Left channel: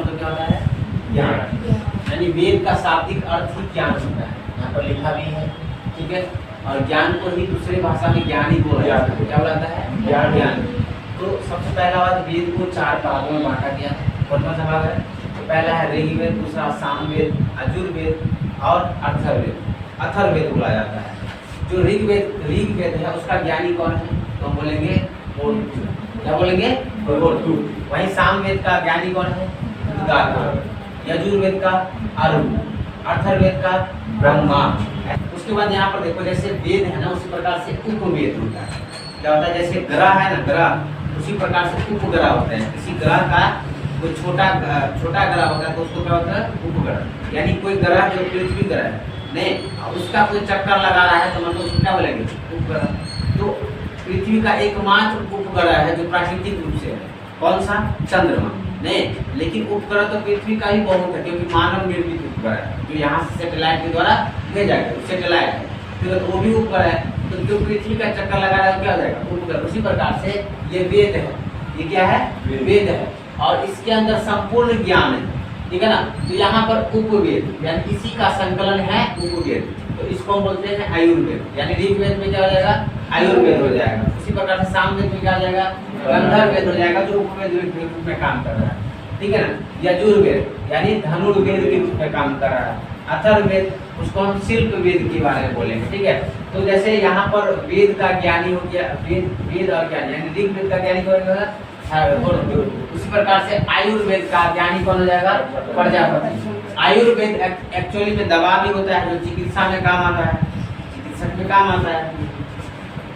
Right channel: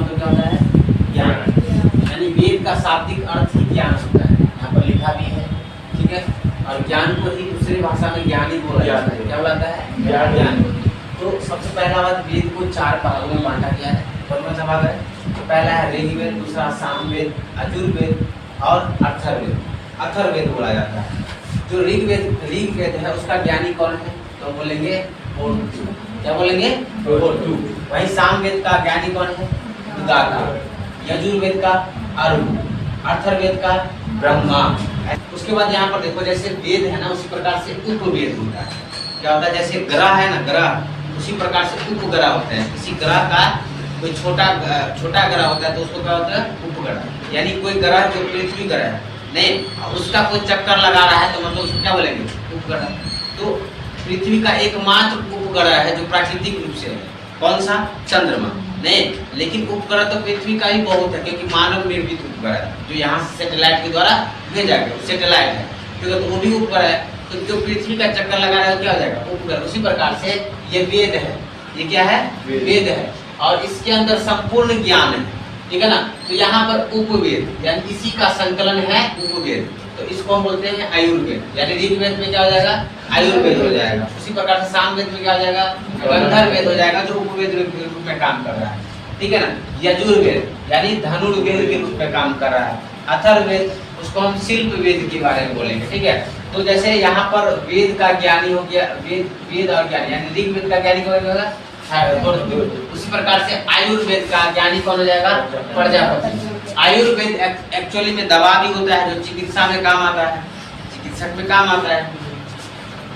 तो क्या होता है? ज्ञान। यानी वेद का शाब्दिक अर्थ ही ज्ञान होता है, यहाँ पर लिखा भी है, ठीक है। और ज्ञान को ही दूसरी भाषा में ज्ञान ही बोला जाता है। क्या बोलता है? ज्ञान। तो सबसे पहला बात, वेद को 4 भागों में बांटा गया है। कौन कौन सा भाग है? तो पहला है ऋग्वेद, दूसरा सामवेद, यजुर्वेद और अथर्ववेद। अथर्ववेद बोला जाता है। जो ऋग्वेद है उसका ज्ञानी कौन है? तो बोलेंगे मोटू। क्या बोलेंगे? मोटू। वही सामवेद का ज्ञानी कौन है? उद्गाता। यजुर्वेद का अरुण, अथर्ववेद का ब्रह्मा। उसके बाद यहाँ पर देखो, जैसे वेद है ना उसी प्रकार से उपवेद होता है। क्या होता है? जैसे ग्रह है ना, ग्रह, उसी प्रकार से उपग्रह होते हैं। किसी ग्रह का कोई छोटा ग्रह होता है तो उसको क्या होता है? उपग्रह। यानी कोई ग्रह जो पृथ्वी ग्रह है नहीं, उसका कोई चक्कर लगा रहा है तो मतलब उसको क्या बोलेंगे? उपग्रह। तो पृथ्वी का एकमात्र उपग्रह है जो प्राकृतिक रूप से है, कौन सा? चंद्रमा। नहीं, लेकिन उपग्रह तो पृथ्वी का ही बहुत है, क्योंकि मानव निर्मित उपग्रह है जो यहाँ से सैटेलाइट के द्वारा भेजा गया, सैटेलाइट है, तो वो भी उपग्रह है। तो जो पृथ्वी का चक्कर लगा रहा है क्या हो जाएगा? उपग्रह। उसी प्रकार से ये वेद है। ये क्या है? वेद है। और इसके अंदर संपूर्ण ज्ञान है, ठीक है ना। तो यहाँ पर उपवेद यानी इसी का संकलन है उपवेद, तो इसको हम बोलते हैं आयुर्वेद। यानी ऋग्वेद में क्या हो जाएगा? आयुर्वेद हो जाएगा। उसी प्रकार से सामवेद में क्या हो जाएगा? गंधर्ववेद हो जाएगा, जो उपवेद के रूप में काम कर रहा है, ठीक है ना। यजुर्वेद यानी धनुर्वेद के रूप में काम कर रहा है। अथर्ववेद उसको हम शिल्प वेद के बारे में बोलेंगे, ठीक है। तो जैसे यहाँ पर वेद का ज्ञानी हो गया, वेद और ज्ञानी, यानी ऋग्वेद का ज्ञानी कौन होगा? उसी प्रकार से आयुर्वेद का ज्ञानी कौन हो जाएगा? प्रजापति। आयुर्वेद एक्चुअली में दवा भी होता है जो चिकित्सा में काम आता है, चिकित्सक में काम आता है।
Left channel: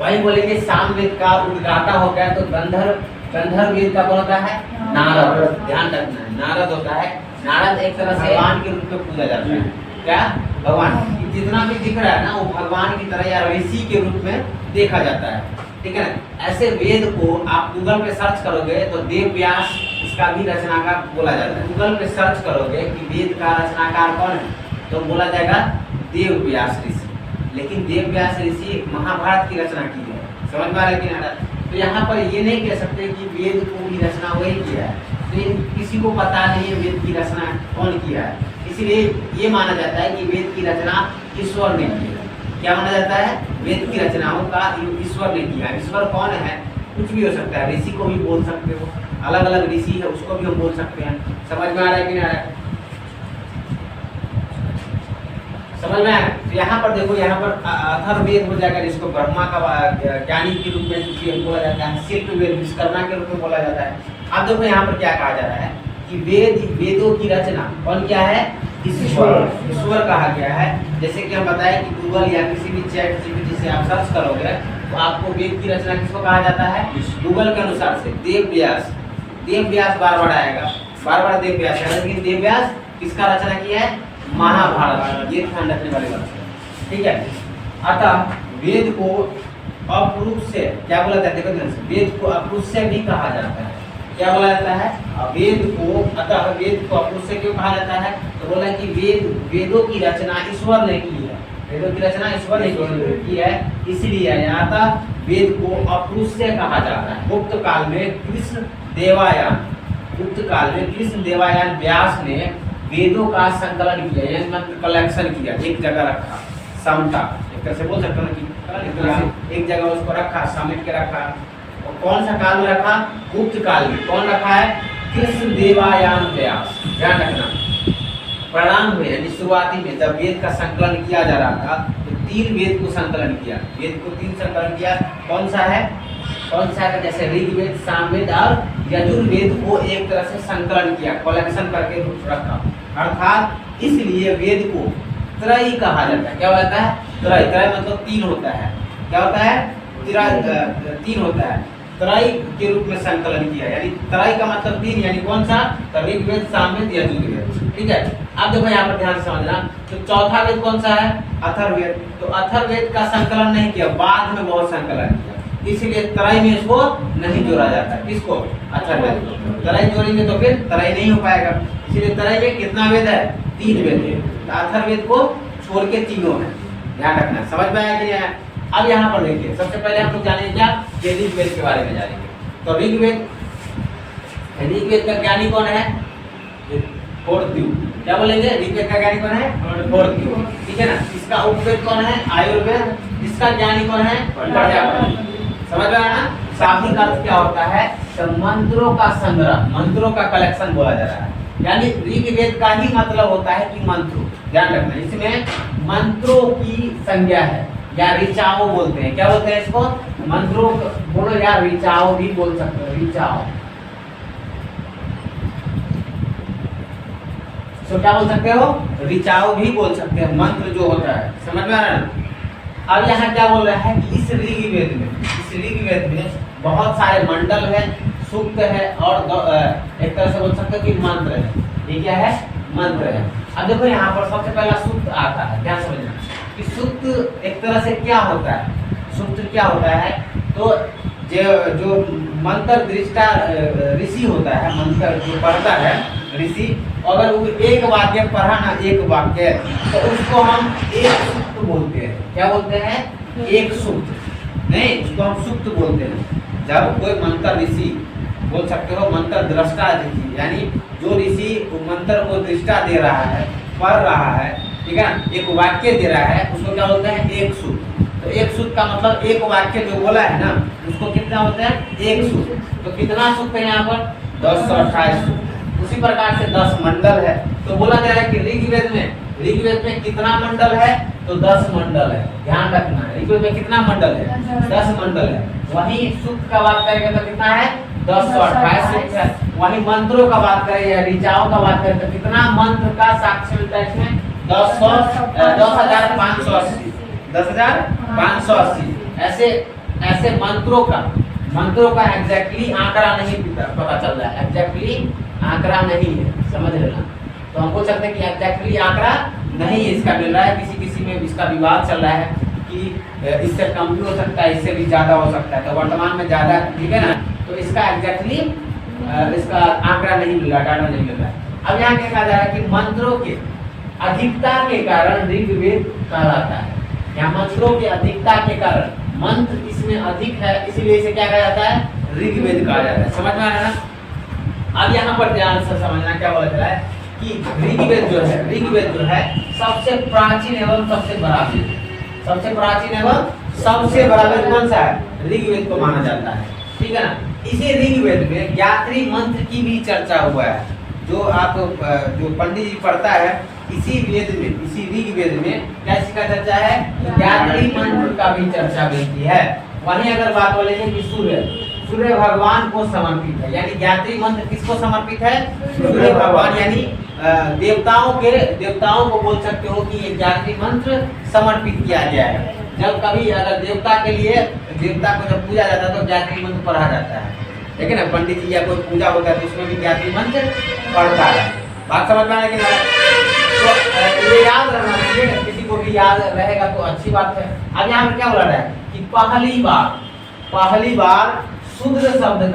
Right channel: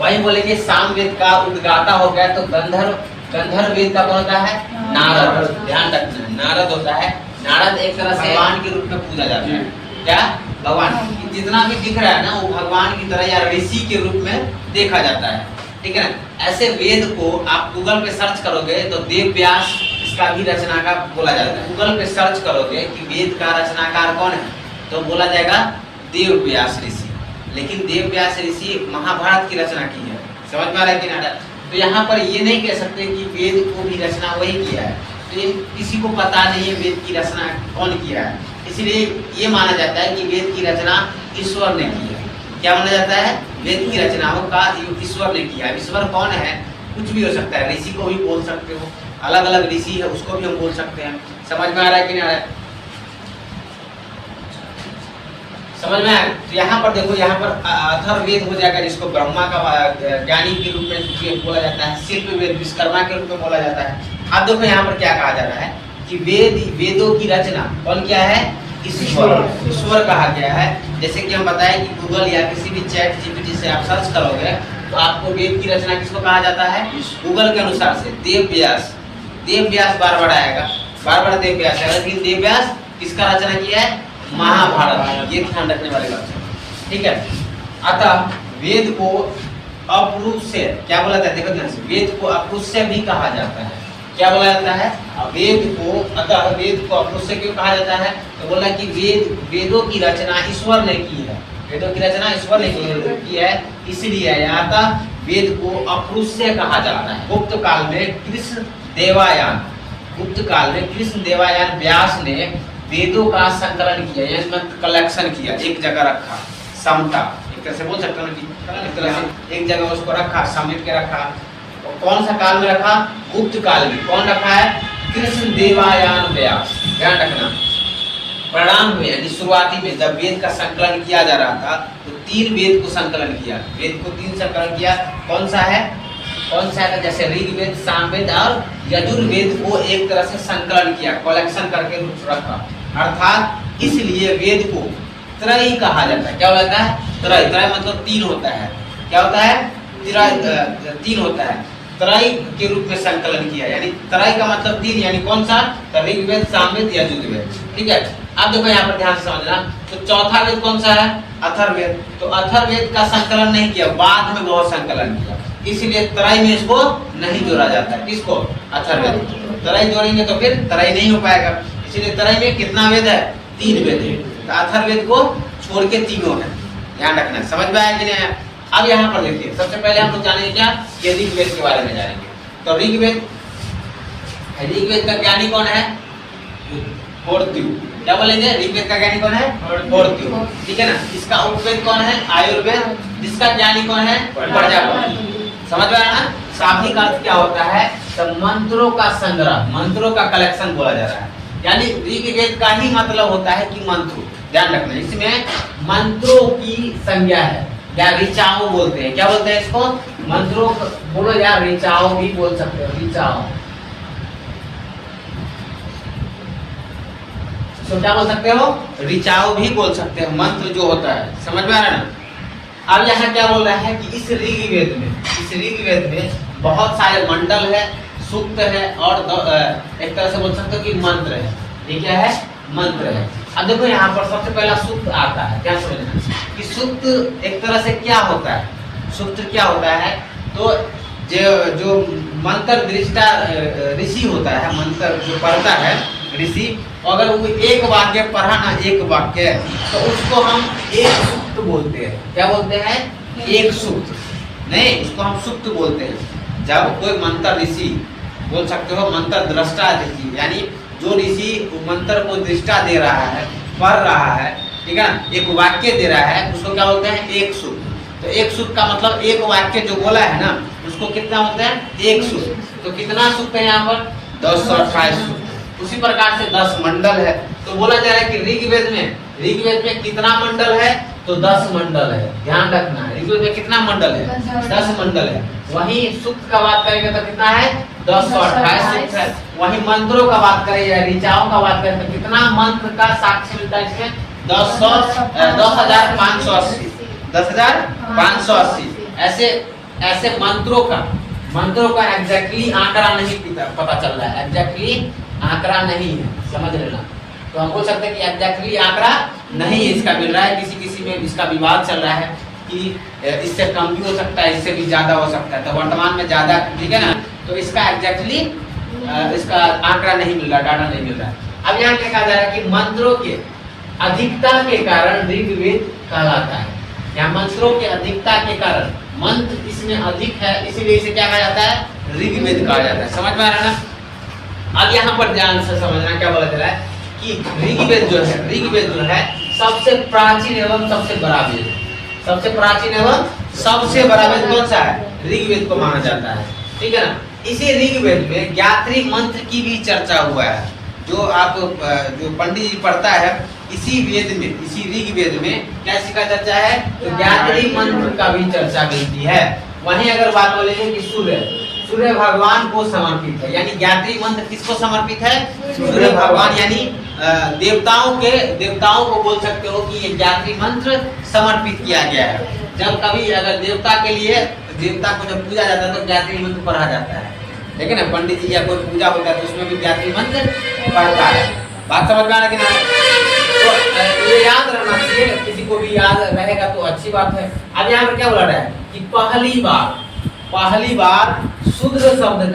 वही बोलेंगे सामवेद का उद्गाता हो गया तो गंधर्ववेद का कौन होता है? नारद। ध्यान रखना, नारद होता है। नारद एक तरह से भगवान के रूप में पूजा जाता है। क्या? भगवान। जितना भी दिख रहा है ना वो भगवान की तरह या ऋषि के रूप में देखा जाता है, ठीक है ना। ऐसे वेद को आप गूगल पे सर्च करोगे तो देव व्यास इसका भी रचनाकार बोला जाता है। गूगल पे सर्च करोगे कि वेद का रचनाकार कौन है तो बोला जाएगा देव व्यास ऋषि। लेकिन देव व्यास ऋषि महाभारत की रचना की है, समझ में आ रहा है कि नहीं? तो यहाँ पर ये नहीं कह सकते कि वेद को भी रचना वही किया है, तो किसी को पता नहीं है वेद की रचना कौन किया है। इसलिए ये माना जाता है कि वेद की रचना ईश्वर ने की है। क्या माना जाता है? वेद की रचनाओं का ईश्वर ने किया है। ईश्वर कौन है? कुछ भी हो सकता है, ऋषि को भी बोल सकते हो, अलग अलग ऋषि है उसको भी हम बोल सकते हैं। समझ में आ रहा है कि नहीं आ रहा है? समझ में आया? तो यहाँ पर देखो, यहाँ पर अथर्ववेद हो जाएगा जिसको ब्रह्मा का ज्ञानी के रूप में बोला जाता है। शिल्पवेद विश्वकर्मा के रूप में बोला जाता है। अब देखो यहाँ पर क्या कहा जा रहा है कि वेदों की रचना कौन किया है? ईश्वर कहा गया है। जैसे कि हम बताएं कि गूगल या किसी भी चैट जीपीटी से आप सर्च करोगे तो आपको वेद की रचना किसको कहा जाता है? गूगल के अनुसार से देव व्यास बार आएगा, बार देव व्यास है। लेकिन देव व्यास किसका रचना किया है? महाभारत। ये ध्यान रखने वाली बात है, ठीक है। अतः वेद को अपरुष्य क्या बोला जाता है? देखो ध्यान से, वेद को अपरुष्य भी कहा जाता है। क्या बोला जाता है? वेद को, अतः वेद को अपरुष्य क्यों कहा जाता है? तो बोला कि वेदों की रचना ईश्वर ने की है। वेदों की रचना ईश्वर ने की है, इसलिए अतः वेद को अपरुष्य कहा जाता है। गुप्त काल में कृष्ण देवायान व्यास ने वेदों का संकलन किया, यानी मतलब कलेक्शन किया, एक जगह रखा, समता, एक तरह से बोल सकते हैं कि एक तरह से एक जगह उसको रखा, समेट के रखा। और कौन सा काल में रखा? गुप्त काल में। कौन रखा है? कृष्ण देवायान व्यास। ध्यान रखना, प्रणाम हुए यानी शुरुआती में जब वेद का संकलन किया जा रहा था तो 3 वेद को संकलन किया। वेद को 3 संकलन किया। कौन सा है? जैसे ऋग्वेद, सामवेद और यजुर्वेद को एक तरह से संकलन किया, कलेक्शन करके रखा। अर्थात इसलिए वेद को त्रय कहा जाता है। क्या होता है? त्रय मतलब 3 होता है। क्या होता है? 3 होता है। त्रय के रूप में संकलन किया, यानी त्रय का मतलब 3, यानी कौन सा? ऋग्वेद, सामवेद, यजुर्वेद, ठीक है। अब देखो यहाँ पर ध्यान से समझना, तो चौथा वेद कौन सा है? अथर्ववेद। तो अथर्ववेद का संकलन नहीं किया, बाद में बहुत संकलन किया, इसलिए त्रय में इसको नहीं जोड़ा जाता है। किसको? अथर्ववेद। त्रय जोड़ेंगे तो फिर त्रय नहीं हो पाएगा, इसलिए त्रय में कितना वेद है? 3 वेद है। तो अथर्ववेद को छोड़ के 3 है। ध्यान रखना, समझ में आया कि नहीं? अब यहाँ पर देखिए, सबसे पहले हम लोग जानेंगे क्या? ऋग्वेद के बारे में जानेंगे। तो ऋग्वेद का ज्ञानी कौन है? होर्त्यू। क्या बोलेंगे? ऋग्वेद का ज्ञानी कौन है? होर्त्यू। ठीक है ना? इसका उपवेद कौन है? आयुर्वेद। जिसका ज्ञानी कौन है? प्रजापति। समझ में आया ना? शाब्दिक अर्थ क्या होता है? तो मंत्रों का संग्रह, मंत्रों का कलेक्शन बोला जा रहा है। यानी ऋग्वेद का ही मतलब होता है कि मंत्र। ध्यान रखना, इसमें मंत्रों की संज्ञा है, या ऋचाओ बोलते हैं। क्या बोलते हैं इसको? मंत्रों बोलो यार, ऋचाओ भी बोल सकते हो, ऋचाओ। तो क्या बोल सकते हो? ऋचाओ भी बोल सकते हो, मंत्र जो होता है। समझ में आ रहा है ना? अब यहाँ क्या बोल रहा है कि इस ऋग्वेद में बहुत सारे मंडल है, सूक्त है, और एक तरह से बोल सकते हो कि मंत्र है। ये क्या है? मंत्र है। अब देखो यहाँ पर सबसे पहला सूक्त आता है। क्या समझना कि सूक्त एक तरह से क्या होता है? सूक्त क्या होता है? तो जो मंत्र दृष्टा ऋषि होता है, मंत्र जो पढ़ता है ऋषि, अगर वो एक वाक्य पढ़ा ना, एक वाक्य, तो उसको हम एक सूक्त बोलते हैं। क्या बोलते हैं? एक सूक्त नहीं, उसको हम सूक्त बोलते हैं। जब कोई मंत्र ऋषि, बोल सकते हो मंत्र दृष्टा ऋषि, यानी जो ऋषि मंत्र को दृष्टा दे रहा है, पढ़ रहा है, ठीक है ना, एक वाक्य दे रहा है, उसको क्या बोलते हैं? एक सूक्त। तो एक सूक्त का मतलब एक वाक्य जो बोला है ना, उसको कितना होता है? एक सूक्त। तो कितना सूक्त है यहाँ पर? 1028 सूक्त। उसी प्रकार से 10 मंडल है। तो बोला जा रहा है कि ऋग्वेद में कितना मंडल है? तो 10 मंडल है। ध्यान रखना, ऋग्वेद में कितना मंडल है? 10 मंडल है। वहीं सूक्त का बात करेंगे तो कितना है? 1028 सूक्त है। वहीं मंत्रों का बात करें या ऋचाओं का बात करें तो कितना मंत्र का साक्ष्य मिलता है इसमें? 10,580। ऐसे मंत्रों का एग्जैक्टली आंकड़ा नहीं पता चल रहा है। एग्जैक्टली आंकड़ा नहीं है, समझ लेना। तो हम बोल सकते हैं कि एग्जैक्टली आंकड़ा नहीं इसका मिल रहा है। किसी में इसका विवाद चल रहा है कि इससे कम भी हो सकता है, इससे भी ज्यादा हो सकता है। तो वर्तमान में ज्यादा, ठीक है ना? तो इसका एग्जैक्टली इसका आंकड़ा नहीं मिल रहा, डाटा नहीं मिल रहा है। अब यहाँ क्या कहा जा रहा है कि मंत्रों के अधिकता के कारण ऋग्वेद कहलाता है। यहाँ मंत्रों के अधिकता के कारण, मंत्र इसमें अधिक है, इसीलिए इसे क्या कहा जाता है? ऋग्वेद कहा जाता है। समझ में आ रहा है ना? अब यहाँ पर ध्यान से समझना क्या बोला जा रहा है कि ऋग्वेद जो है सबसे प्राचीन एवं सबसे बड़ा वेद। सबसे प्राचीन एवं सबसे बड़ा वेद कौन सा है? ऋग्वेद को माना जाता है। ठीक है ना? इसी ऋग्वेद में गायत्री मंत्र की भी चर्चा हुआ है। जो पंडित जी पढ़ता है, इसी ऋग्वेद में क्या इसका चर्चा है? तो गायत्री मंत्र का भी चर्चा मिलती है। वहीं अगर बात बोलेंगे कि सूर्य भगवान को समर्पित है, यानी गायत्री मंत्र किसको समर्पित है? सूर्य भगवान, यानी देवताओं को बोल सकते हो कि ये गायत्री मंत्र समर्पित किया गया है। जब कभी अगर देवता को जब पूजा जाता है तो गायत्री मंत्र पढ़ा जाता है। ठीक है ना? पंडित जी या कोई पूजा होता है तो उसमें भी गायत्री मंत्र पढ़ता है। बात समझ में आ रहा है कि नहीं? तो ये याद रहना चाहिए, किसी को भी याद रहेगा तो अच्छी बात है। अब यहाँ पर क्या बोला रहा है कि पहली बार शूद्र शब्द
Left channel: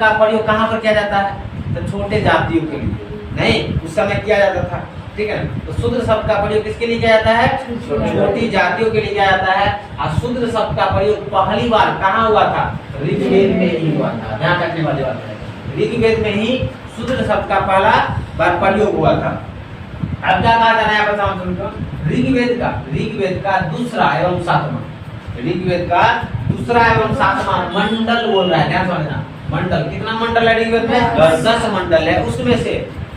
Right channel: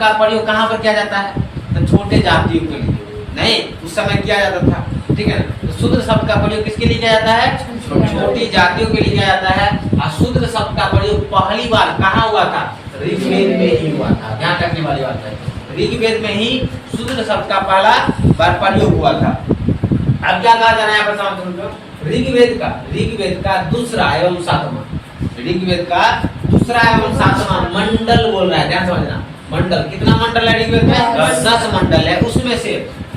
का प्रयोग कहाँ पर किया जाता है? तो छोटे जातियों के लिए नहीं, उस समय किया जाता था। ठीक है? तो शूद्र शब्द का प्रयोग किसके लिए किया जाता है? छोटी जातियों के लिए किया जाता है। और शूद्र शब्द का प्रयोग पहली बार कहाँ हुआ था? ऋग्वेद में ही हुआ था। ध्यान रखने वाली बात है, ऋग्वेद में ही शूद्र शब्द का पहला बार प्रयोग हुआ था। अब क्या कहा जा रहा है यहाँ पर? ऋग्वेद का दूसरा एवं सातवां मंडल बोल रहा है। ध्यान समझना, मंडल कितना मंडल है ऋग्वेद में? 10 मंडल है। उसमें से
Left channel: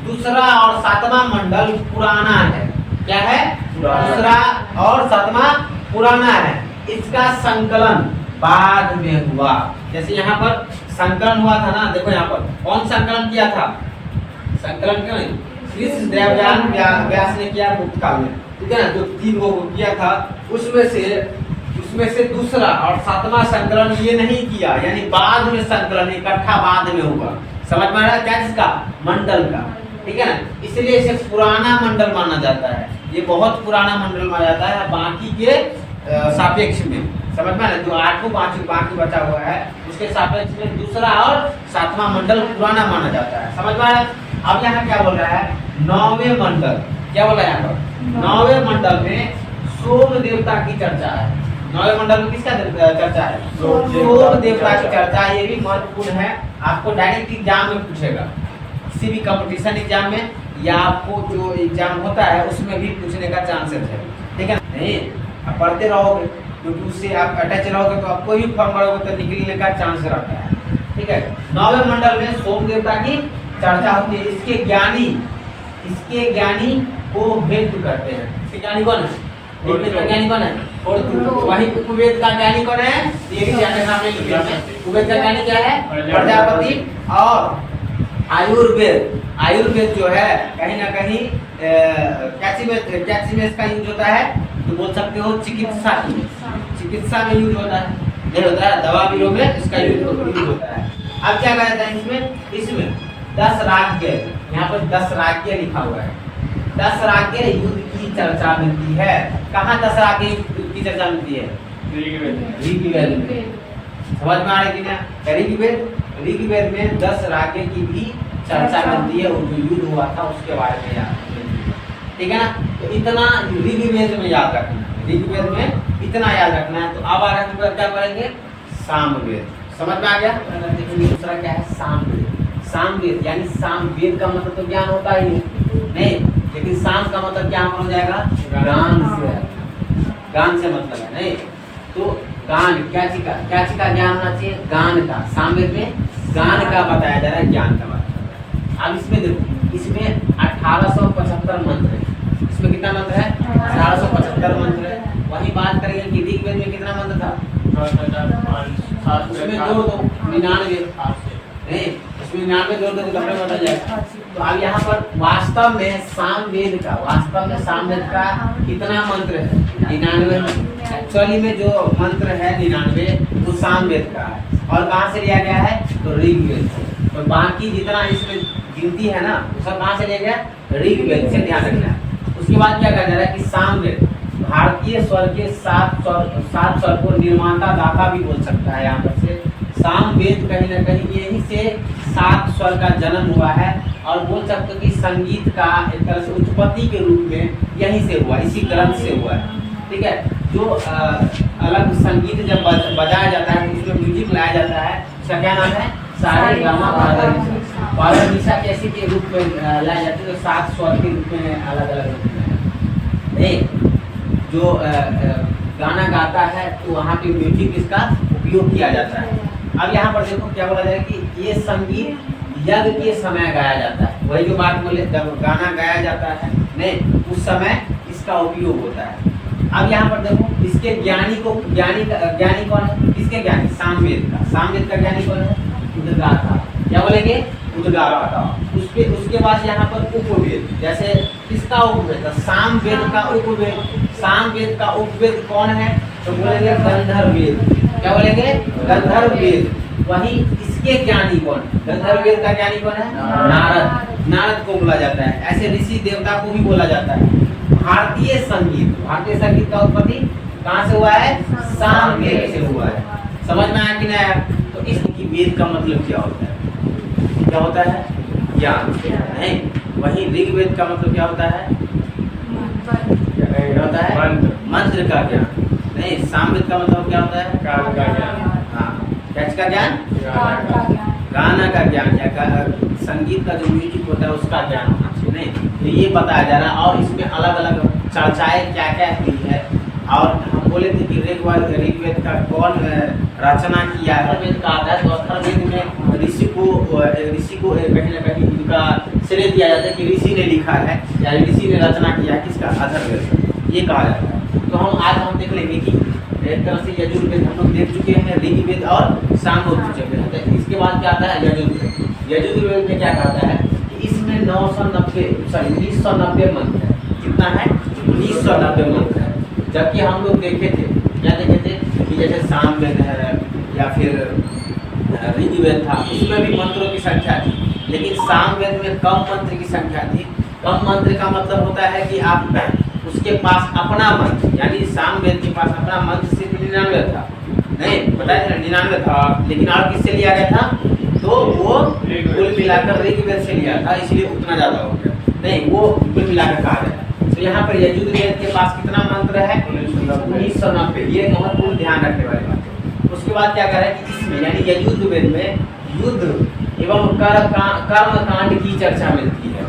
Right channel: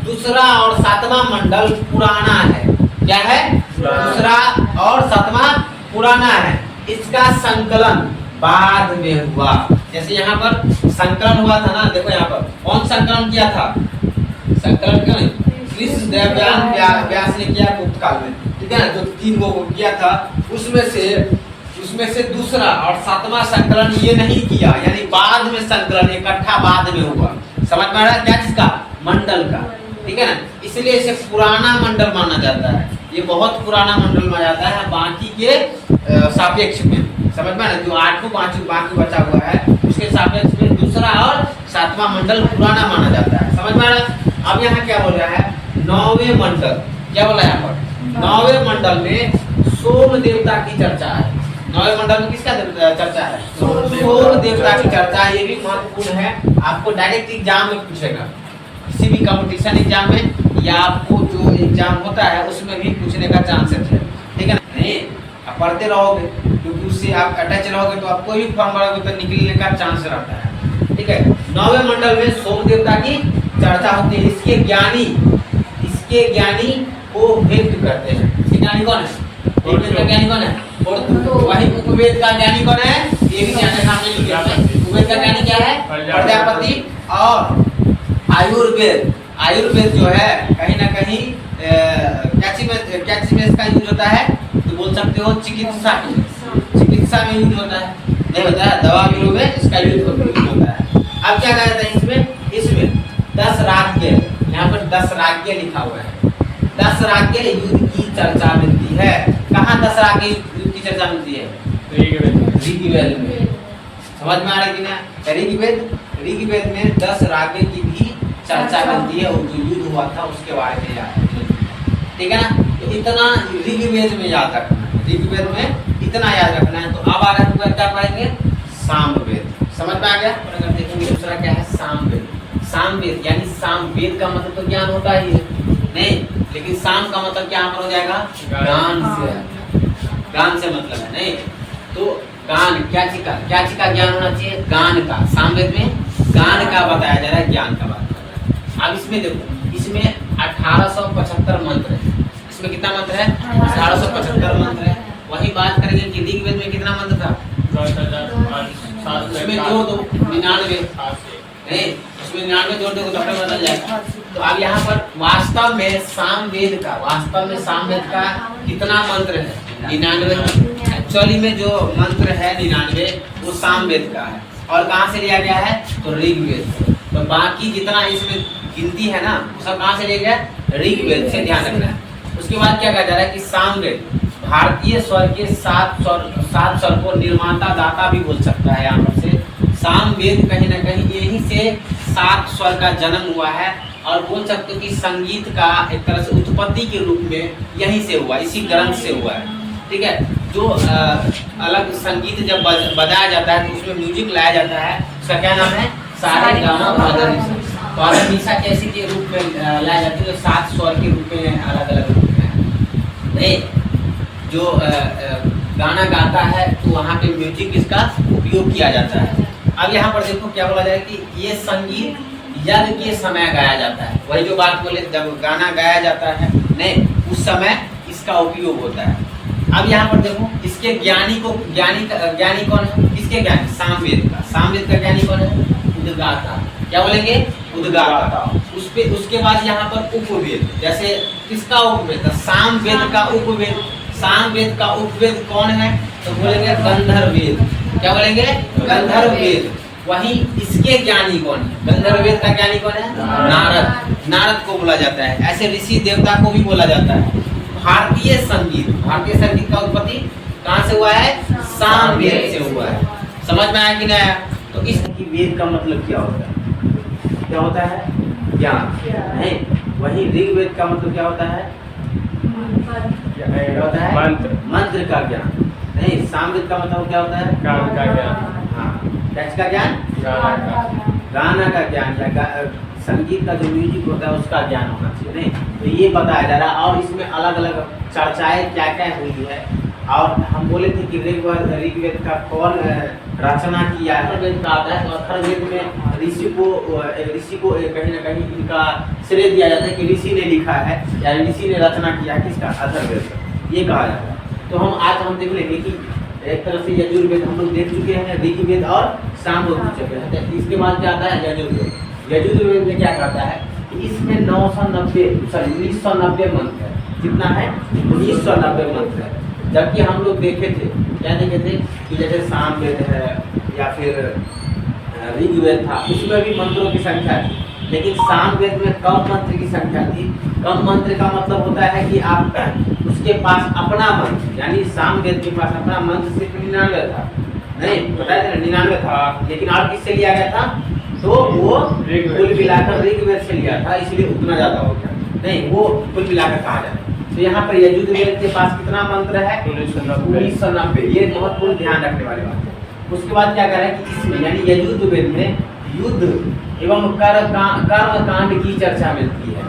दूसरा और सातवां मंडल पुराना है। क्या है? दूसरा और सातवां पुराना है। इसका संकलन बाद में हुआ। जैसे यहाँ पर संकलन हुआ था ना, देखो यहाँ पर कौन संकलन किया था? संकलन क्यों नहीं? कृष्ण देवयान व्यास ने किया गुप्त काल में। ठीक है ना? जो 3 को किया था, उसमें से दूसरा और सातवां संकलन ये नहीं किया, यानी बाद में संकलन इकट्ठा बाद में हुआ। समझ में आ रहा है क्या? जिसका मंडल का, ठीक है ना? इसलिए इसे पुराना मंडल माना जाता है। ये बहुत पुराना मंडल माना जाता है बाकी के सापेक्ष में। समझ में आ रहा है? जो 8 बाकी बचा हुआ है उसके सापेक्ष में दूसरा और सातवां मंडल पुराना माना जाता है। समझ में आ रहा है? अब यहाँ क्या बोल रहा है? 9वें मंडल। क्या बोला यहाँ पर? 9वें मंडल में सोम देवता की चर्चा है। 9वें मंडल में किसका चर्चा है? सोम देवता की चर्चा। ये भी महत्वपूर्ण है, आपको डायरेक्ट एग्जाम में पूछेगा। किसी भी कंपटीशन एग्जाम में या आपको जो एग्जाम होता है उसमें भी पूछने का चांसेस है, ठीक है ना। नहीं आप पढ़ते रहोगे क्योंकि उससे आप अटैच रहोगे तो आप कोई भी फॉर्म भरोगे तो निकलने का चांस रहता है, ठीक है। 9वें मंडल में सोम देवता की चर्चा होती है। इसके ज्ञानी को व्यक्त करते हैं। इसके ज्ञानी कौन है? उपवेद का ज्ञानी कौन है? और वही उपवेद का ज्ञानी कौन है? ये भी ज्ञानी नाम में लिखे हैं। उपवेद का ज्ञानी क्या है? प्रजापति। और आयुर्वेद जो है कहीं ना कहीं कैचिमेस का यूज होता है, तो बोल सकते हो चिकित्सा में यूज होता है, नहीं होता है दवा बीरो में इसका यूज होता है। अब क्या कहा जाता है इसमें 10 राज्य, यहाँ पर 10 राज्य लिखा हुआ है। 10 राज्य युद्ध की चर्चा मिलती है। कहाँ 10 राज्य युद्ध की चर्चा मिलती है? ऋग्वेद में। समझ में आ रहा है कि ना? ऋग्वेद में 10 राज्य की भी चर्चा मिलती है और जो युद्ध हुआ था उसके बारे में याद, ठीक है ना। तो इतना ऋग्वेद में याद रखना है, ऋग्वेद में इतना याद रखना है। तो अब आगे हम क्या पढ़ेंगे? सामवेद। समझ में आ गया? अगर देखेंगे दूसरा क्या है? सामवेद यानी सामवेद का मतलब तो ज्ञान होता ही है नहीं, लेकिन साम का मतलब क्या हो जाएगा? गान से मतलब है नहीं। तो गान क्या चीज का ज्ञान होना चाहिए? गान का। सामवेद में गान का बताया जा रहा है, ज्ञान का बात कर रहा है। अब इसमें देखो, इसमें 1875 मंत्र है। इसमें कितना मंत्र है? 1875 मंत्र है। वही बात करेंगे कि ऋग्वेद में कितना मंत्र था? उसमें जोड़ दो 99 नहीं, उसमें 99 जोड़ दो तो अपने बदल जाएगा। तो अब यहाँ पर वास्तव में सामवेद का कितना मंत्र है? 99। एक्चुअली में जो मंत्र है 99 वो सामवेद का है। और कहाँ से लिया गया है? तो ऋग्वेद से। तो बाकी जितना इसमें गिनती है ना वो सब कहाँ से लिया गया? ऋग्वेद से, ध्यान रखना है। उसके बाद क्या कहा जा रहा है कि सामवेद भारतीय स्वर के 7 स्वर को निर्माता दाता भी बोल सकता है। यहाँ पर से सामवेद कहीं ना कहीं यही से 7 स्वर का जन्म हुआ है। और बोल सकते हो कि संगीत का एक तरह से उत्पत्ति के रूप में यहीं से हुआ, इसी ग्रंथ से हुआ है, ठीक है। जो अलग संगीत जब बजाया जाता है तो उसमें म्यूजिक लाया जाता है, उसका क्या नाम है? सारे गामा पादा निशा कैसे के रूप में लाया जाती है? 7 स्वर के रूप में, अलग अलग रूप में नहीं। जो गाना गाता है तो वहाँ पे म्यूजिक इसका उपयोग किया जाता है। अब यहाँ पर देखो क्या बोला जाए कि ये संगीत यज्ञ के समय गाया जाता है। वही जो बात बोले, जब गाना गाया जाता है नहीं उस समय इसका उपयोग होता है। अब यहाँ पर देखो, इसके ज्ञानी कौन है? किसके ज्ञानी? सामवेद का ज्ञानी कौन है? उद्गाता। क्या बोलेंगे? उद्गाता। उसके बाद यहाँ पर उपवेद, जैसे किसका उपवेद? सामवेद का उपवेद। सामवेद का उपवेद कौन है? तो बोलेंगे गंधर्ववेद। क्या बोलेंगे? गंधर्ववेद। वही इसके ज्ञानी कौन है? गंधर्ववेद का ज्ञानी कौन है? नारद को बोला जाता है। ऐसे ऋषि देवता को भी बोला जाता है। भारतीय संगीत का उत्पत्ति कहाँ से हुआ है? सामवेद से हुआ है। समझ में आया कि नहीं आया? तो इस वेद का मतलब क्या होता है? क्या होता है? ज्ञान नहीं। वही ऋग्वेद का मतलब क्या होता है? क्या होता है? मंत्र का ज्ञान नहीं। सामवेद का मतलब क्या होता है? गान का ज्ञान। क्या ज्ञान? गाना का ज्ञान या संगीत का जो म्यूजिक होता है उसका ज्ञान होना चाहिए नहीं। तो ये बताया जा रहा है। और इसमें अलग अलग चर्चाएं क्या क्या हुई है। और हम बोले थे कि ऋग्वेद का कौन रचना किया है? वेद का आता है। तो अथर्ववेद में ऋषि को कहीं ना कहीं उनका श्रेय दिया जाता है कि ऋषि ने लिखा है या ऋषि ने रचना किया है। किसका? अथर्ववेद, ये कहा जाता है। तो हम देख लेंगे कि एक तरह से यजुर्वेद हम लोग देख चुके हैं, ऋग्वेद और सामवेद देख चुके हैं। तो इसके बाद क्या आता है? यजुर्वेद में क्या कहता है कि इसमें 1990 मंत्र है। कितना है? 1990 मंत्र है। जबकि हम लोग देखे थे, क्या देखे थे कि जैसे सामवेद है या फिर ऋग्वेद था, उसमें भी मंत्रों की संख्या थी, लेकिन सामवेद में कम मंत्र की संख्या थी। कम मंत्र का मतलब होता है कि आप उसके पास अपना मंत्र, यानी सामवेद के पास अपना मंत्र सिर्फ 99 था नहीं, बताया था 99 था, लेकिन और किससे लिया गया था? तो वो कुल मिलाकर ऋग्वेद से लिया था, इसलिए उतना ज्यादा हो गया नहीं, वो कुल मिलाकर कहा जाता है। तो यहाँ पर यजुर्वेद के पास कितना मंत्र है? 1990। ये महत्वपूर्ण ध्यान रखने वाली बात है। उसके बाद क्या कर रहा है कि इसमें यानी यजुर्वेद में युद्ध एवं कर्म कांड की चर्चा मिलती है।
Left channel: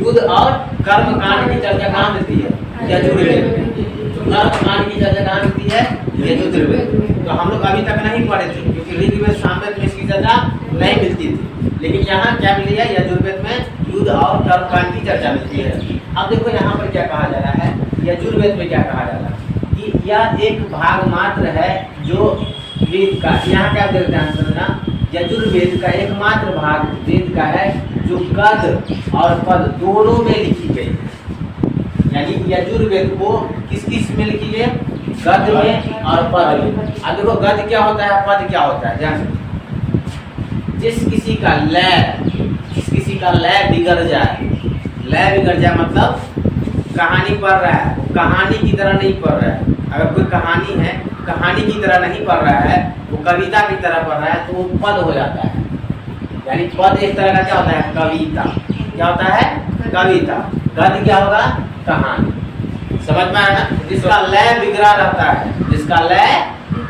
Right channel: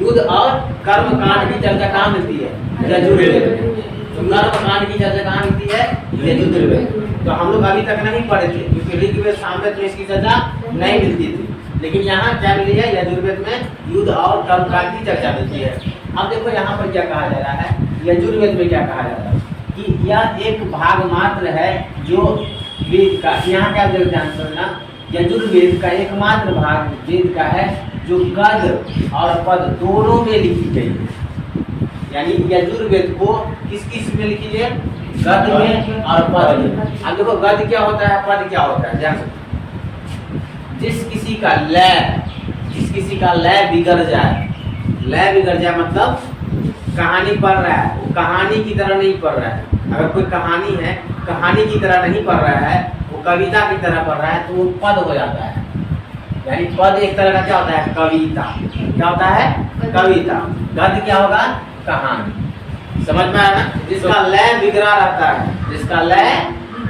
युद्ध और कर्म कांड की चर्चा कहाँ मिलती है? यजुर्वेद में। तो कर्म कांड की चर्चा कहाँ मिलती है? यजुर्वेद। तो हम लोग अभी तक नहीं पढ़े थे क्योंकि ऋग्वेद सामवेद में इसकी चर्चा नहीं मिलती थी, लेकिन यहाँ क्या मिली है? यजुर्वेद में युद्ध और कर्म कांड की चर्चा मिलती है। अब देखो यहाँ पर क्या कहा जा रहा है, यजुर्वेद में क्या कहा जा रहा है कि यह एक भाग मात्र है जो वेद का, यहाँ क्या ध्यान करना, यजुर्वेद का एकमात्र भाग वेद का है जो गद और पद दोनों में लिखी गई है। यानी यजुर्वेद को किस किस में लिखी है? गद में और पद में। अब देखो गद क्या होता है, पद क्या होता है, ध्यान से। जिस किसी का लय बिगड़ जाए, लय बिगड़ जाए मतलब कहानी पढ़ रहा है, वो कहानी की तरह नहीं पढ़ रहा है। अगर कोई कहानी है, कहानी की तरह नहीं पढ़ रहा है, वो कविता की तरह पढ़ रहा है, तो वो पद हो जाता है। यानी पद एक तरह का क्या होता है? कविता। क्या होता है? कविता। गद्य क्या होगा? कहानी। समझ में आया? जिसका लय बिगड़ा रहता है, जिसका लय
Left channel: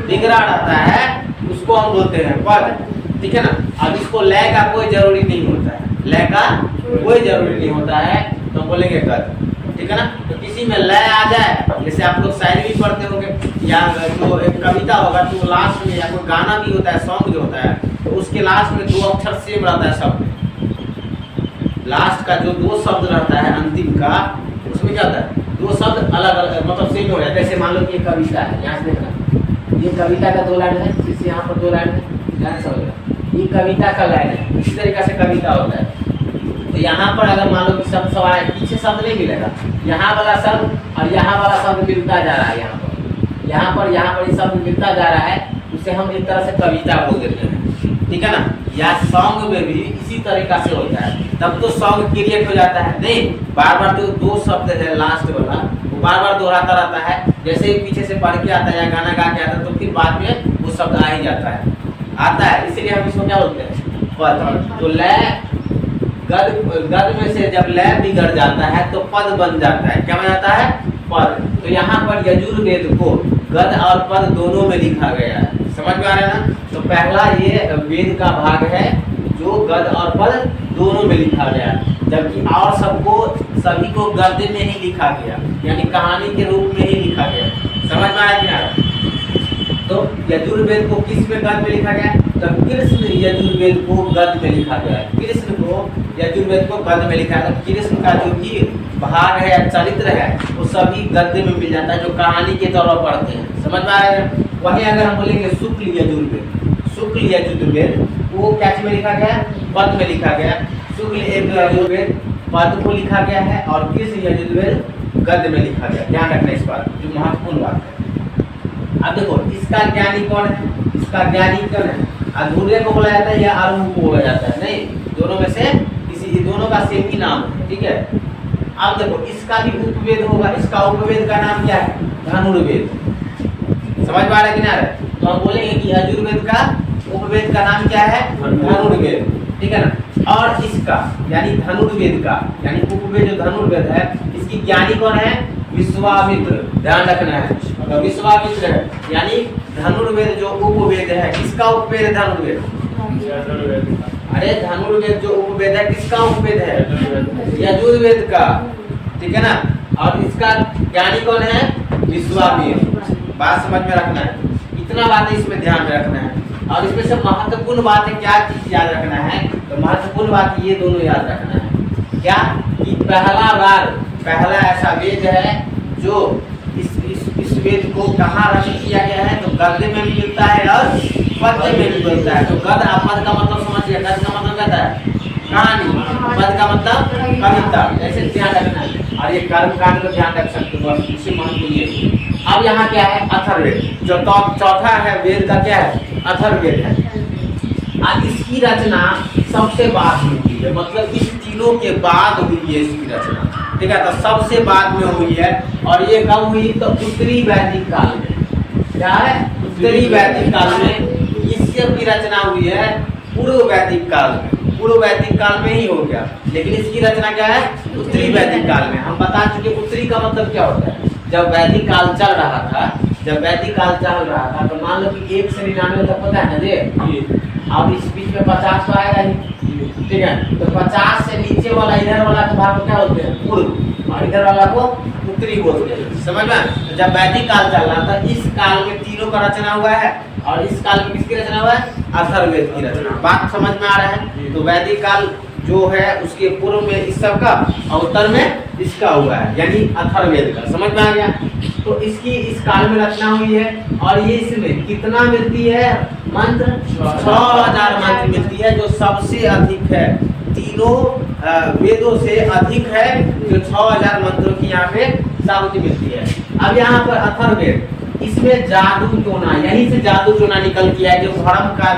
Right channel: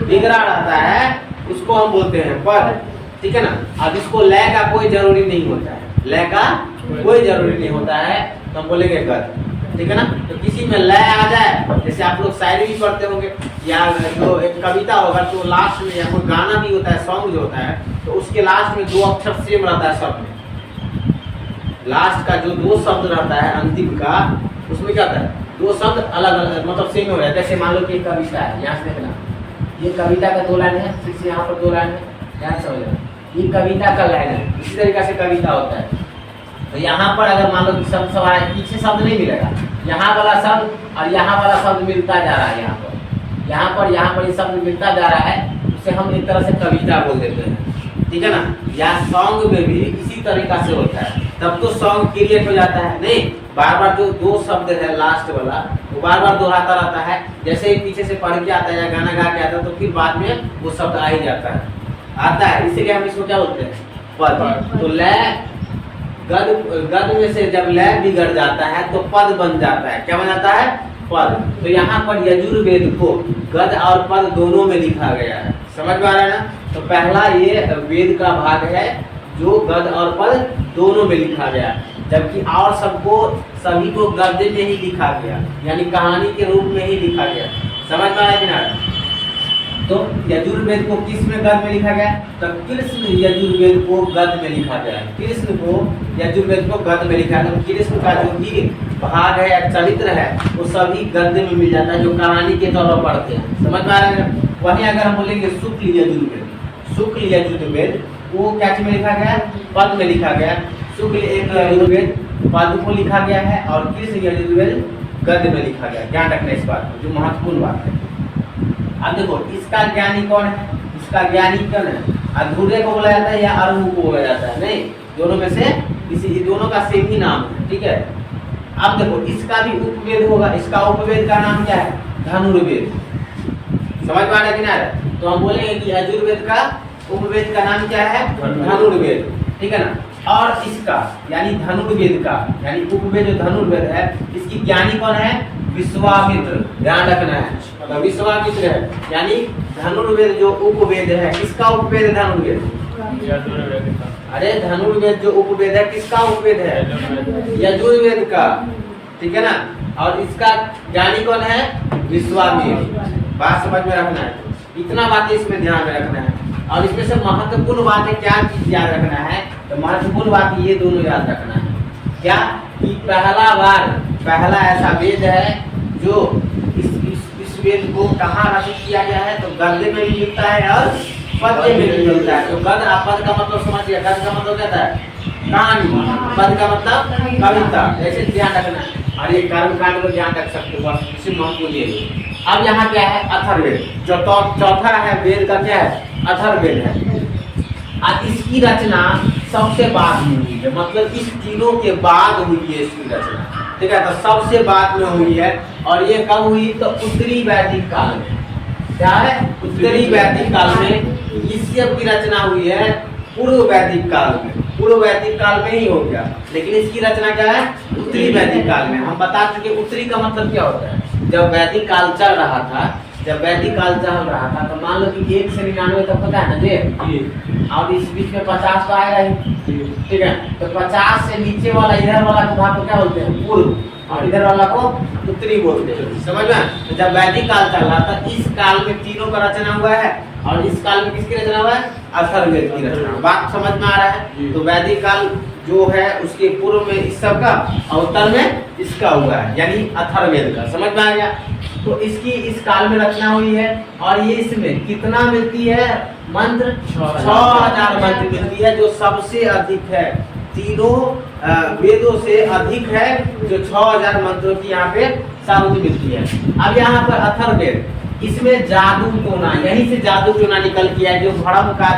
बिगड़ा रहता है उसको हम बोलते हैं पद, ठीक है ना। अब इसको लय का कोई जरूरी नहीं होता है, लय का कोई जरूरी नहीं होता है, तो हम बोलेंगे गद्य, ठीक है ना। तो किसी में लय आ जाए, जैसे आप लोग शायरी भी पढ़ते होंगे या जो एक कविता होगा तो लास्ट में, या कोई गाना भी होता है, सॉन्ग जो होता है, तो उसके लास्ट में दो अक्षर सेम रहता है शब्द। लास्ट का जो दो शब्द रहता है अंतिम का, उसमें क्या होता है? दो शब्द अलग अलग मतलब सेम हो जाता है। जैसे मान लो कि ये कविता है, यहाँ से देखना, ये कविता का 2 लाइन है, फिर से यहाँ पर 2 लाइन है, ध्यान से समझना, ये कविता का लाइन है। इसी तरीके से कविता होता है। तो यहाँ पर अगर मान लो कि शब्द सवाल पीछे शब्द नहीं मिलेगा, यहाँ वाला शब्द और यहाँ वाला शब्द मिलता जा रहा है, यहाँ पर ये शब्द मिलता जा रहा है, उसे हम एक तरह से कविता बोल देते हैं, ठीक है ना। या सॉन्ग में भी इसी तरीका से होता है, तब तो सॉन्ग क्रिएट हो जाता है। नहीं, बार बार तो 2 शब्द है लास्ट वाला, वो बार बार दोहराता रहता है। जैसे ही पीछे से पढ़ के आता है या गाना गा के आता है, तो फिर बाद में वो शब्द आ ही जाता है, इसीलिए हम इसको क्या बोलते हैं? पद। तो लय गद में से जब लय बिगड़ जाता है तो पद बन जाता है। क्या बन जाता है? पद। तो यहाँ पर यजुर्वेद को गद और पद दोनों में लिखा गया है। समझ में आ रहा है ना। तो पहला ये वेद का भाग है जो गद और पद दोनों में लिखा गया, जबकि और सभी को गद्य में ही लिखा गया, यानी कहानी के रूप में ही लिखा गया। समझ में आया कि ना। तो यजुर्वेद को किस में गद्य में लिखा गया? तो कृष्ण यजुर्वेद को गद्य में लिखा गया। कृष्ण को यजुर्वेद को गद्य में लिखा है। कृष्ण का जो भी भाग है या चरित्र है वो सभी गद्य में मिल जाता है, जो कहानी के तौर पर पढ़ते हैं। समझ में आ रहा है। वहीं अगर हम बोलेंगे शुक्ल यजुर्वेद वो क्या में लिखा गया? पद में लिखा गया। शुक्ल यजुर्वेद पद को लिखा गया है और कृष्ण यजुर्वेद गद्य में लिखा गया। ध्यान रखना इस बात, जो महत्वपूर्ण बात है। अब देखो इसका ज्ञानी कौन है? इसका ज्ञानी कौन है? अधूरे को बोला जाता है या अरुण को बोला जाता है? नहीं, दोनों में से किसी, दोनों का सेम ही नाम है, ठीक है। अब देखो इसका भी उपवेद होगा। इसका उपवेद का नाम क्या है? धनुर्वेद। समझ पा रहे कि नहीं? तो हम बोलेंगे कि यजुर्वेद का उपवेद का नाम क्या है? धनुर्वेद, ठीक है ना। और इसका यानी धनुर्वेद का यानी उपवेद जो धनुर्वेद है, इसकी ज्ञानी कौन है? विश्वामित्र। ध्यान रखना है, अगर विश्वामित्र है यानी धनुर्वेद जो उपवेद है, किसका उपवेद है? धनुर्वेद। अरे धनुर्वेद जो उपवेद है, किसका उपवेद है? यजुर्वेद का, ठीक है ना। और इसका ज्ञानी कौन है? विश्वामित्र। बात समझ में रखना है, इतना बातें इसमें ध्यान में रखना है। और इसमें से महत्वपूर्ण बात है, क्या चीज याद रखना है? तो महत्वपूर्ण बात ये दोनों याद रखना है। क्या? कि पहला ऐसा वेद है जो इस वेद को कहाँ रचित किया गया है? तो गद्य में भी मिलता है और पद्य में भी मिलता है। तो गद्य और पद का मतलब समझिए। गद्य का मतलब क्या है? कहानी। पद का मतलब कविता। ऐसे ध्यान रखना है। और ये कर्म कांड को ध्यान रख सकते हो, बस इससे महत्वपूर्ण ये। अब यहाँ क्या है? अथर्ववेद। जो चौथा है वेद का क्या है? अथर्ववेद है। और इसकी रचना सबसे बाद में हुई है, मतलब इस तीनों के बाद हुई है इसकी रचना, ठीक है। तो सबसे बाद में हुई है। और ये कब हुई? तो उत्तरी वैदिक काल में। क्या है? उत्तरी वैदिक काल में इससे की रचना हुई है। पूर्व वैदिक काल में, पूर्व वैदिक काल में ही हो गया, लेकिन इसकी रचना क्या है? उत्तरी वैदिक काल में। हम बता चुके उत्तरी का मतलब क्या होता है। जब वैदिक काल चल रहा था, तो मान लो कि 1 से 99 तक पता है ना जी, और इस बीच में 50 तो आएगा ही, ठीक है। तो 50 से नीचे वाला इधर वाला को भाग को क्या बोलते हैं? पूर्व, और इधर वाला को उत्तरी बोलते हैं, समझ में। तो जब वैदिक काल चल रहा था, इस काल में तीनों का रचना हुआ है, और इस काल में किसकी रचना हुआ है? अथर्ववेद की रचना। बात समझ में आ रहा है? तो वैदिक काल जो है उसके पूर्व में इस सब का, और उत्तर में इसका हुआ है, यानी अथर्ववेद का। समझ में आ गया? तो इसकी इस काल में रचना हुई है, और ये इसमें कितना मिलती है मंत्र? 6000 मंत्र मिलती है, जो सबसे अधिक है, तीनों वेदों से अधिक है, जो 6000 मंत्रों की यहाँ पे सामग्री मिलती है। अब यहाँ पर अथर्ववेद, इसमें जादू टोना, यहीं से जादू टोना निकल के आया, जो भ्रम का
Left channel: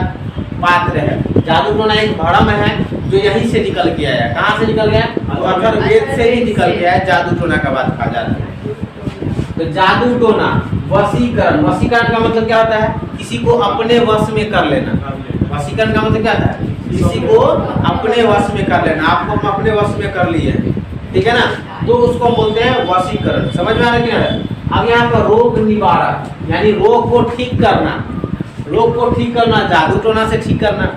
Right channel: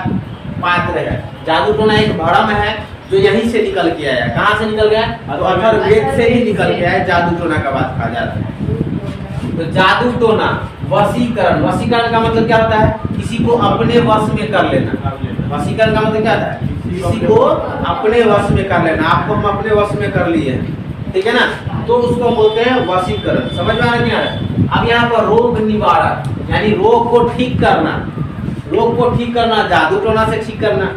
पात्र है। जादू टोना एक भ्रम है जो यहीं से निकल के आया। कहाँ से निकल गया? तो अथर्ववेद से ही निकल के आया, जादू टोना का बात कहा जा रहा है। तो जादू टोना, वशीकरण, वशीकरण का मतलब क्या होता है? किसी को अपने वश में कर लेना। वशीकरण का मतलब क्या होता है? किसी को अपने वश में कर लेना। आपको हम अपने वश में कर लिए, ठीक है ना, तो उसको हम बोलते हैं वशीकरण। समझ में आ रहा है कि नहीं? अब यहाँ पर रोग निवारक, यानी रोग को ठीक करना, रोग को ठीक करना, जादू टोना से ठीक करना।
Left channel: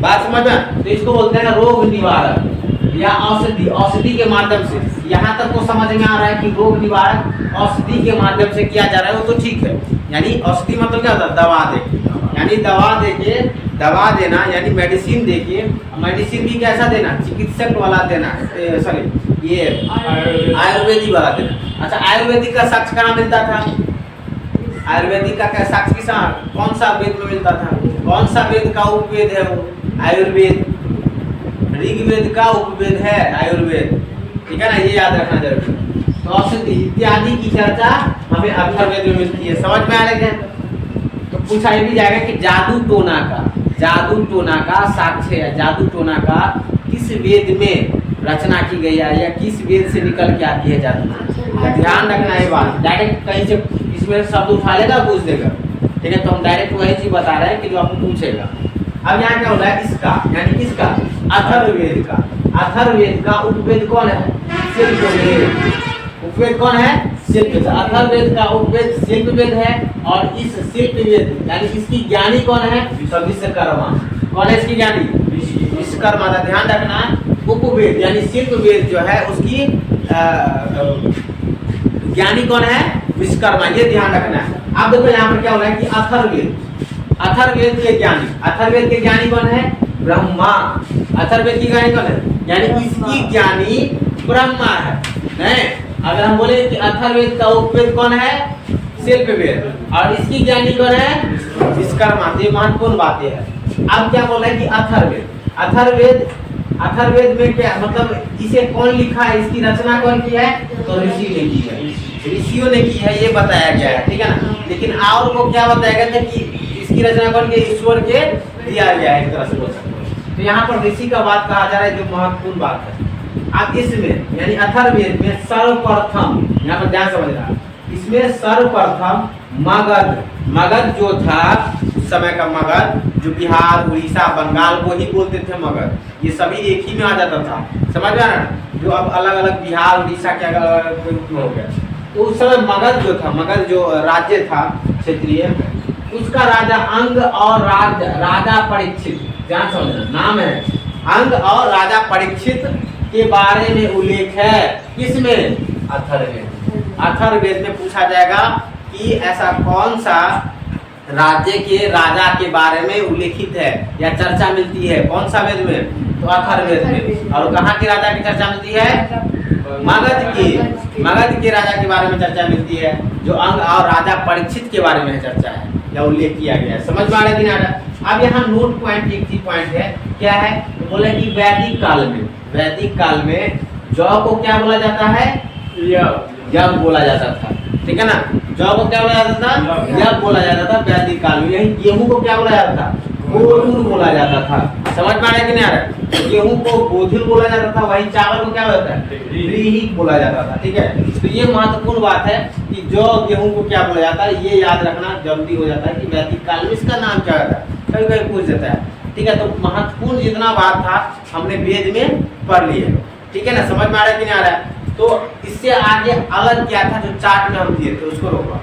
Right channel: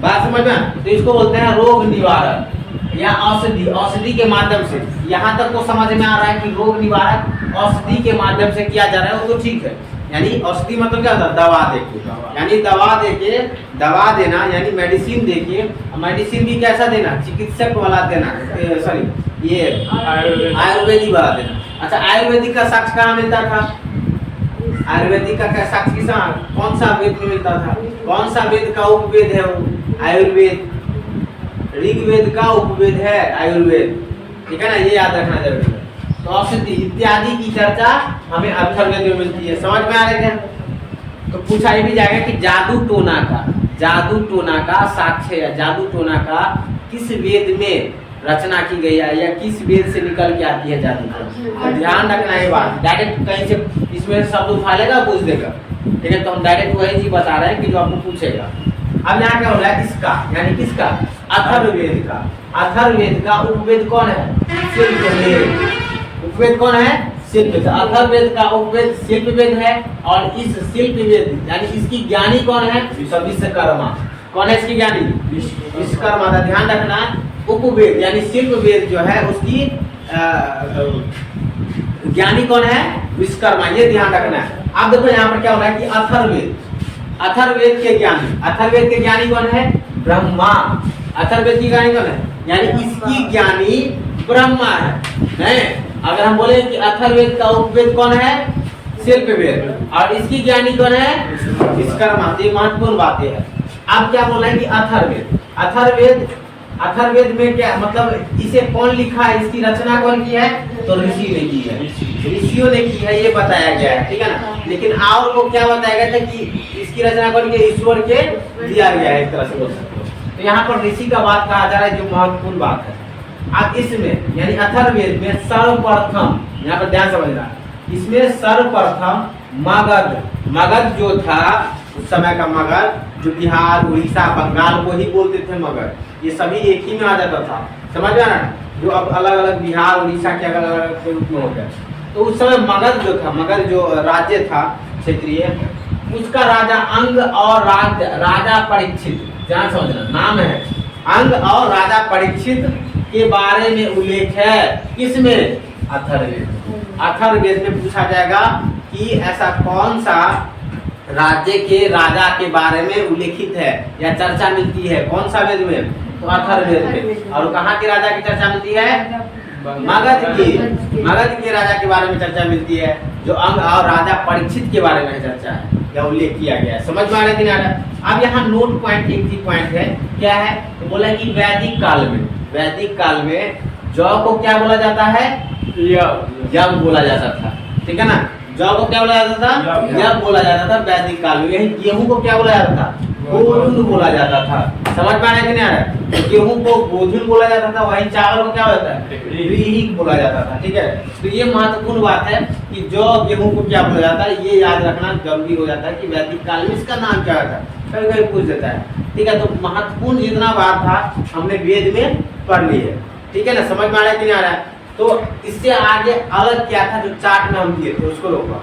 बात समझ में? तो इसको बोलते हैं रोग निवारक या औषधि, औषधि के माध्यम से। यहाँ तक तो समझ में आ रहा है कि रोग निवारक औषधि के माध्यम से किया जा रहा है, वो तो ठीक है। यानी औषधि मतलब क्या होता है? दवा देके, यानी दवा देके, दवा देना, यानी मेडिसिन देके। मेडिसिन भी कैसा देना? चिकित्सक वाला देना, सॉरी ये आयुर्वेदिक वाला देना। अच्छा, आयुर्वेदिक का साक्ष्य कहाँ मिलता था? आयुर्वेदिक का साक्ष्य किसा, कौन सा वेद में मिलता था? कौन सा वेद का उपवेद है वो? आयुर्वेद। ऋग्वेद का उपवेद है आयुर्वेद, ठीक है ना, ये याद रखना जरूरी है। तो औषधि इत्यादि की चर्चा हमें अथर्ववेद में मिलती है। समझ में आ रहे हैं? तो पूछा ये भी जाएगा कि जादू टोना का, जादू टोना का साक्ष्य है, जादू टोना का किस वेद में रचना की गई है, या किस वेद से निकल के आती है जादू टोना? ध्यान रखना ये बात। डायरेक्ट कहीं से इसमें शब्द उठा लेगा, पूछ देगा, ठीक है। तो हम डायरेक्ट वही चीज बता रहे हैं कि जो आपको पूछेगा। अब यहाँ क्या हो रहा है? इसका, यानी किसका? अथर्ववेद का। अथर्ववेद का उपवेद कौन है? शिल्पवेद। उपवेद कौन है? शिल्पवेद। अथर्ववेद का उपवेद शिल्पवेद है, और इस शिल्पवेद यानी इसकी ज्ञानी कौन है? तो विश्वकर्मा। कौन है इसकी ज्ञानी? विश्वकर्मा का ध्यान रखना है। उपवेद यानी शिल्पवेद जो है उसकी ज्ञानी कौन है? विश्वकर्मा, ये ध्यान रखना है। अब देखो यहाँ पर क्या हो रहा है कि अथर्ववेद, अथर्ववेद के ज्ञानी, अथर्ववेद के ज्ञानी कौन है? ब्रह्मा। अथर्ववेद की ज्ञानी कौन है? यानी इसकी ज्ञानी ब्रह्मा है। अगर हम बोले कि अथर्ववेद का उपवेद कौन है? शिल्पवेद, और इसकी ज्ञानी कौन है? विश्वकर्मा। ये महत्वपूर्ण बातें है। अब क्या बोला है कि अथर्ववेद, अथर्ववेद, अथर्ववेद में क्या मतलब, इसे कौन लिखा है, इसकी रचना कौन की है? तो ऋषि ने की है, ऋषियों ने की है, ये बताया गया है, ठीक है ना। लेकिन और को क्या बताया गया था कि इसकी रचना कौन की? ईश्वर के दिया गया है, एक तरह से बोल सकते हो। तो यहाँ पर ऋषि का बात कहा जा रहा है, जो महत्वपूर्ण बात है। अब इसमें यानी अथर्ववेद में सर्वप्रथम, यहाँ पर ध्यान समझना, इसमें सर्वप्रथम मगध, मगध जो था उस समय का मगध, जो बिहार, उड़ीसा, बंगाल को ही बोलते थे मगध, ये सभी एक ही में आ जाता था। समझ में आ रहा है? जो अब अलग अलग बिहार, उड़ीसा के अलग अलग रूप में हो गया। तो उस समय मगध जो था, मगध जो राज्य था क्षेत्रीय, उसका राजा अंग और राजा परीक्षित, ध्यान समझना, नाम है अंग और राजा परीक्षित के बारे में उल्लेख है। किसमें? अथर्ववेद। अथर्ववेद में पूछा जाएगा कि ऐसा कौन सा राज्य के राजा के बारे में उल्लेखित है या चर्चा मिलती है, कौन सा वेद में? तो अथर्ववेद में। और कहाँ के राजा की चर्चा मिलती है? मगध की, मगध के राजा के बारे में चर्चा मिलती है, जो अंग और राजा परीक्षित के बारे में चर्चा है या उल्लेख किया गया है। समझ में आ रहा है? अब यहाँ नोट पॉइंट, एक ही पॉइंट है, क्या है? तो बोला कि वैदिक काल में, वैदिक काल में जौ को क्या बोला जाता है? यज्ञ बोला जाता था, ठीक है ना। जौ को क्या बोला जाता था? यज्ञ बोला जाता था वैदिक काल में। यही गेहूं को क्या बोला जाता था? गोधुल बोला जाता था। समझ में आ रहा है कि नहीं आ रहा है? तो गेहूं को गोधुल बोला जाता था, वही चावल को क्या होता है? व्रीहि बोला जाता था, ठीक है। तो ये महत्वपूर्ण बात है कि जो गेहूं को क्या बोला जाता है, ये याद रखना जरूरी हो जाता है कि वैदिक काल में इसका नाम क्या होता है, कभी कभी पूछ देता है, ठीक है। तो महत्वपूर्ण जितना बात था हमने वेद में पढ़ ली है, ठीक है ना। समझ में आ रहा है कि नहीं आ रहा है? तो इससे आगे अलग क्या था जो चार्ट में हम दिए थे, उसको रोका।